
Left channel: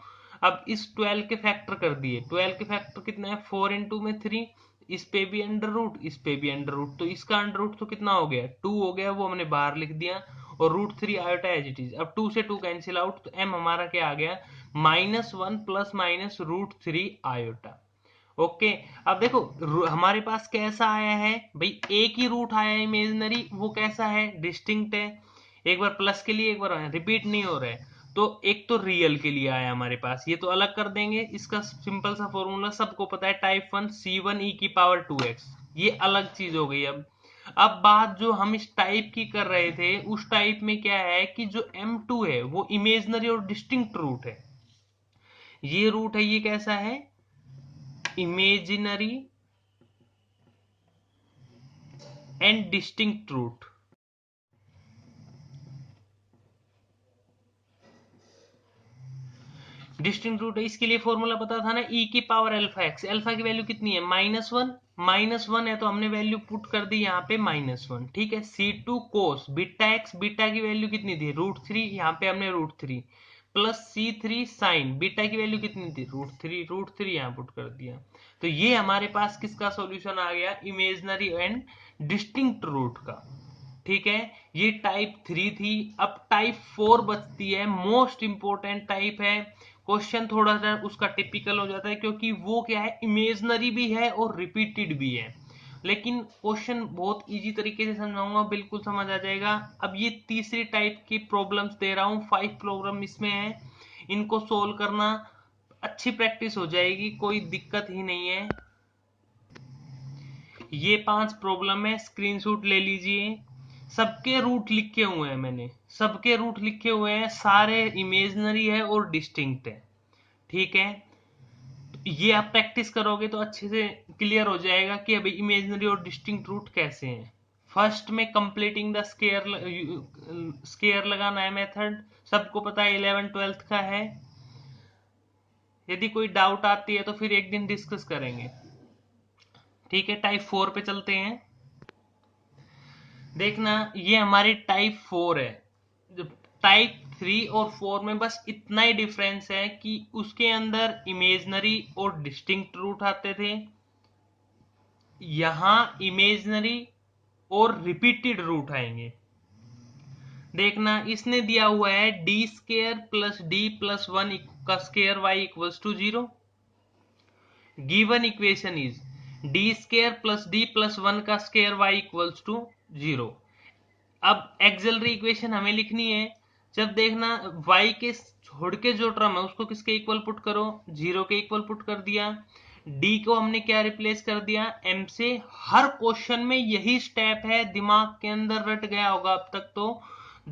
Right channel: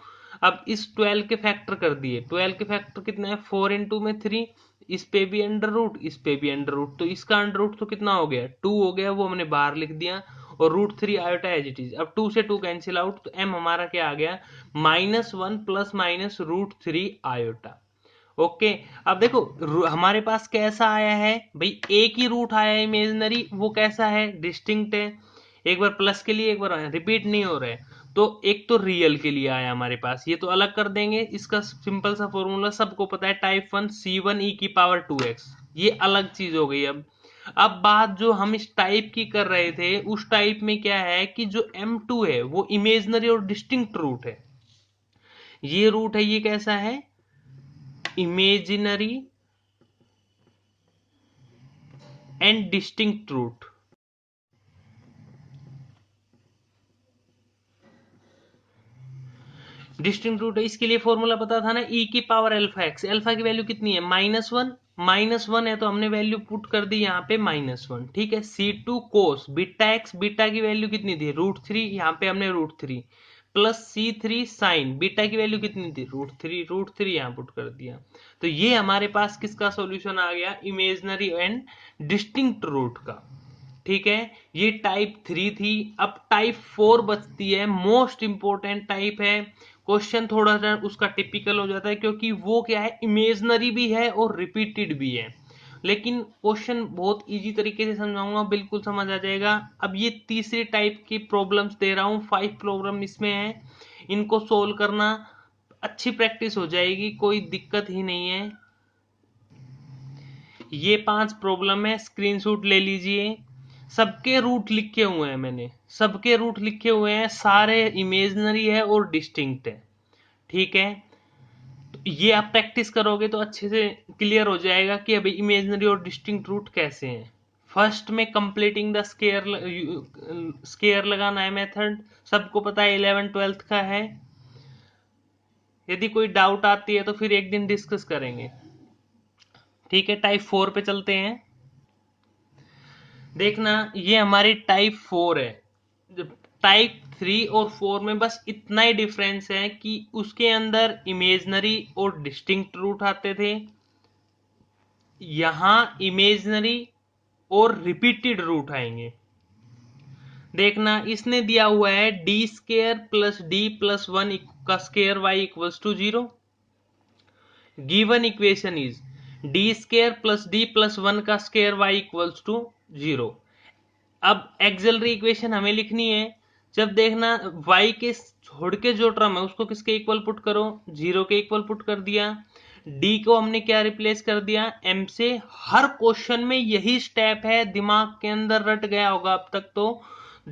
अब इस 12 के फैक्टर कर दिए, 12 के फैक्टर कितना है, 4 × में 3, इस पे भी अंडर रूट, इस पे भी अंडर रूट, तो इसका अंडर रूट तो कितना हो गया, 2 हो गया, वो हमने बाहर लिख दिया, और √3 आयोटा एज इट इज। अब 2 से 2 कैंसिल आउट, तो m हमारा क्या आ गया, -1 ± √3 आयोटा। ओके। अब देखो हमारे पास कैसा आया है भाई, एक ही रूट आया है इमेजिनरी, वो कैसा है, डिस्टिंक्ट है। एक बार प्लस के लिए, एक बार रिपीट नहीं हो रहा है। तो एक तो रियल के लिए आया हमारे पास, ये तो अलग कर देंगे। इसका सिंपल सा फॉर्मूला सबको पता है, टाइप 1 C1 e की पावर 2x, ये अलग चीज हो गई। अब बात जो हम इस टाइप की कर रहे थे, उस टाइप में क्या है कि जो M2 है वो इमेजिनरी और डिस्टिंक्ट रूट है। ये रूट है, ये कैसा है, imaginary and distinct root. Distinct root है, इसके लिए फॉर्मूला पता था ना, ई की पावर अल्फा एक्स। अल्फा की वैल्यू कितनी है, -1। -1 है तो हमने वैल्यू पुट कर दी यहाँ पे -1, ठीक है। C2 cos beta x, beta की वैल्यू कितनी थी, √3, यहाँ पे हमने √3 प्लस C3 साइन, बीटा की वैल्यू कितनी थी, √3 यहाँ पुट कर दिया। तो ये हमारे पास किसका सॉल्यूशन आ गया, इमेजनरी एंड डिस्टिंक्ट रूट का। ठीक है, ये टाइप 3 थी। अब टाइप 4 बचती है, मोस्ट इंपॉर्टेंट टाइप है। क्वेश्चन थोड़ा सा उसका टिपिकल हो जाता है, क्योंकि वो क्या है, इमेजनरी भी है और रिपीटेड भी है। लेकिन क्वेश्चन बहुत इजी तरीके से समझाऊंगा, बिल्कुल समझ आ जाएगा। अब ये तीसरी टाइप की प्रॉब्लम्स दे रहा हूँ, 5 प्रॉब्लम इसमें है। इनको सोल्व करना, अच्छी प्रैक्टिस हो जाएगी, कोई दिक्कत ही नहीं है। ये 5 प्रॉब्लम है, स्क्रीनशॉट ले लीजिए। सबके रूट लिखे हुए हैं मैंने, सबके रूट लिखे हुए हैं, सारे इमेजनरी है और डिस्टिंक्ट है। ठीक है, तो ये आप प्रैक्टिस करोगे तो अच्छे से क्लियर हो जाएगा कि अभी इमेजनरी और डिस्टिंक्ट रूट कैसे हैं। फर्स्ट में कंप्लीटिंग द स्केयर लगाना है मेथड, सबको पता है, 11 12th का है। यदि कोई डाउट आती है तो फिर एक दिन डिस्कस करेंगे। ठीक है, टाइप 4 पे चलते हैं। देखना, ये हमारी टाइप 4 है। टाइप 3 और 4 में बस इतना ही डिफरेंस है कि उसके अंदर इमेजनरी और डिस्टिंक्ट रूट आते थे, यहां इमेजनरी और रिपीटेड रूट आएंगे। देखना, इसने दिया हुआ है d² प्लस d प्लस 1 का square y equals to 0। Given equation is d² plus d plus 1 का स्केयर y इक्वल्स टू 0। अब एक्सिलरी इक्वेशन हमें लिखनी है। जब देखना y के छोड़ के जो टर्म है उसको किसके इक्वल पुट करो, 0 के इक्वल पुट कर दिया। d को हमने क्या रिप्लेस कर दिया, m से। हर क्वेश्चन में यही स्टेप है, दिमाग के अंदर रट गया होगा अब तक तो।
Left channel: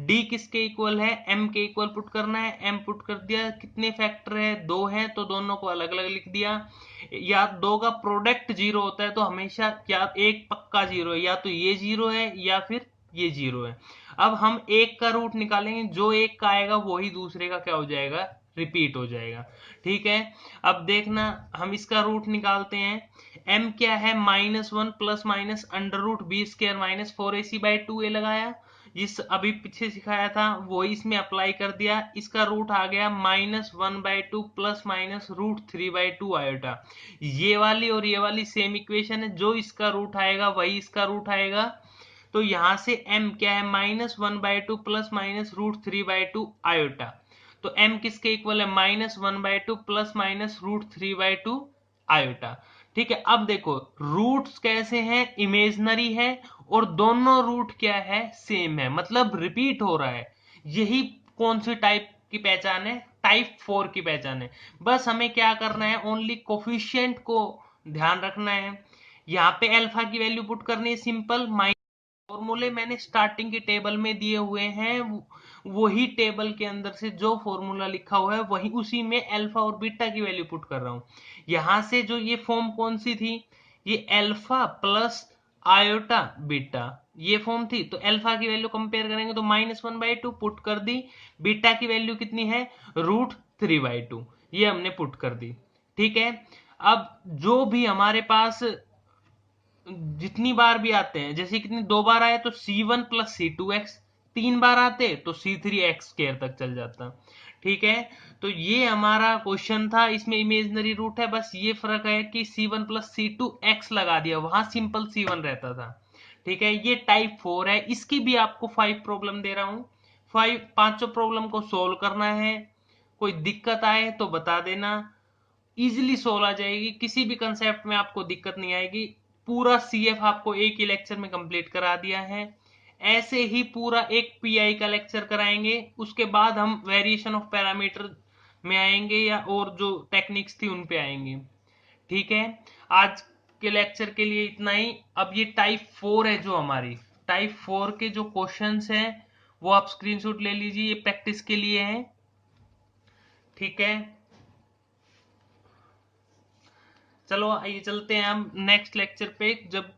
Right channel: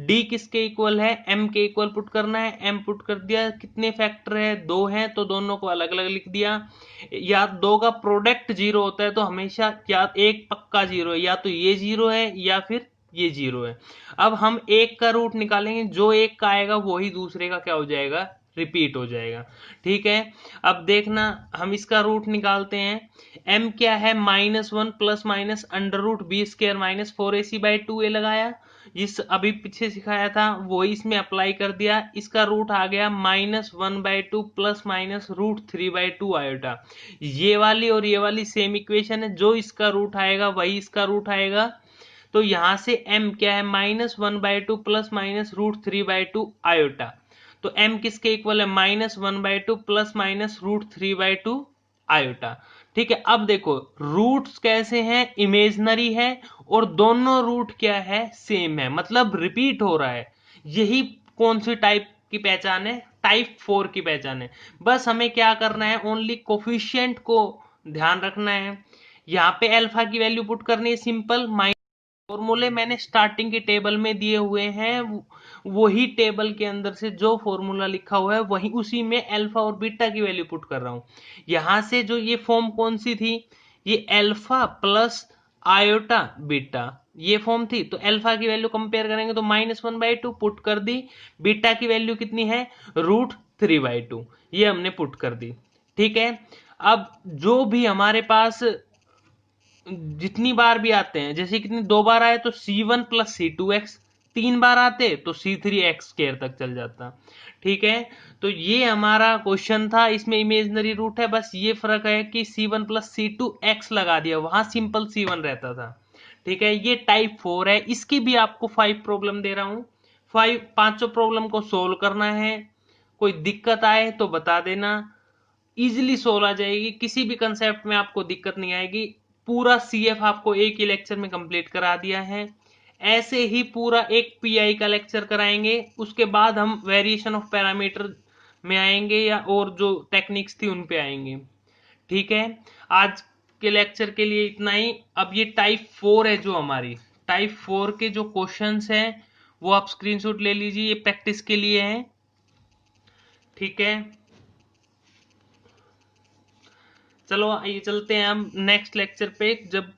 d किसके इक्वल है, m के इक्वल पुट करना है, m पुट कर दिया। कितने फैक्टर है, 2 है, तो दोनों को अलग अलग लिख दिया। या दो का प्रोडक्ट 0 होता है तो हमेशा क्या एक पक्का 0 है, या तो ये 0 है या फिर ये 0 है। अब हम एक का रूट निकालेंगे, जो एक का आएगा वही दूसरे का क्या हो जाएगा, रिपीट हो जाएगा। ठीक है, अब देखना हम इसका रूट निकालते हैं। m क्या है, -1 प्लस माइनस √b² -4ac/2a लगाया, जिस अभी पीछे सिखाया था वही इसमें अप्लाई कर दिया। इसका रूट आ गया -1/2 प्लस माइनस √3/2 आयोटा। ये वाली और ये वाली सेम इक्वेशन है, जो इसका रूट आएगा वही इसका रूट आएगा। तो यहां से m क्या है, -1/2 प्लस माइनस √3/2 आयोटा। तो m किसके इक्वल है, -1/2 प्लस माइनस √3/2 आयोटा। ठीक है, अब देखो रूट्स कैसे हैं, इमेजनरी है और दोनों रूट क्या है, सेम है, मतलब रिपीट हो रहा है। यही कौन सी टाइप की पहचान है, टाइप 4 की पहचान है। बस हमें क्या करना है, ओनली कोफिशिएंट को ध्यान रखना है। यहाँ पे अल्फा की वैल्यू पुट करनी है, सिंपल। फॉर्मूले मैंने स्टार्टिंग के टेबल में दिए हुए हैं, वही टेबल के अंदर से जो फॉर्मूला लिखा हुआ है वही, उसी में अल्फा और बीटा की वैल्यू पुट कर रहा हूं। यहां से जो ये फॉर्म कौन सी थी, ये अल्फा प्लस आयोटा बीटा, ये फॉर्म थी। तो अल्फा की वैल्यू कंपेयर करेंगे तो -1/2 पुट कर दी। बीटा की वैल्यू कितनी है, √3/2, ये हमने पुट कर दी। ठीक है, अब जो भी हमारे पास जितनी बार भी आते हैं, जैसे कितनी, 2 बार आए तो C1 प्लस C2x, 3 बार आते तो C3x² तक चल जाता। ठीक है, तो ये हमारा क्वेश्चन था, इसमें इमेजनरी रूट है, बस ये फर्क है कि C1 प्लस C2x लगा दिया, वहां सिंपल C1 रहता था। ठीक है, ये टाइप 4 है, इसकी भी आपको 5 प्रॉब्लम दे रहा हूं। 5 पांचों प्रॉब्लम को सोल्व करना है। कोई दिक्कत आए तो बता देना। इजीली सोल्व आ जाएगी, किसी भी कंसेप्ट में आपको दिक्कत नहीं आएगी। पूरा सीएफ आपको एक ही लेक्चर में कंप्लीट करा दिया है। ऐसे ही पूरा एक पीआई का लेक्चर कराएंगे, उसके बाद हम वेरिएशन ऑफ पैरामीटर में आएंगे या और जो टेक्निक्स थी उन पे आएंगे। ठीक है, आज के लेक्चर के लिए इतना ही। अब ये टाइप 4 है, जो हमारी टाइप 4 के जो क्वेश्चंस हैं वो आप स्क्रीनशॉट ले लीजिए, ये प्रैक्टिस के लिए हैं। ठीक है, चलो ये चलते हैं हम नेक्स्ट लेक्चर पे, जब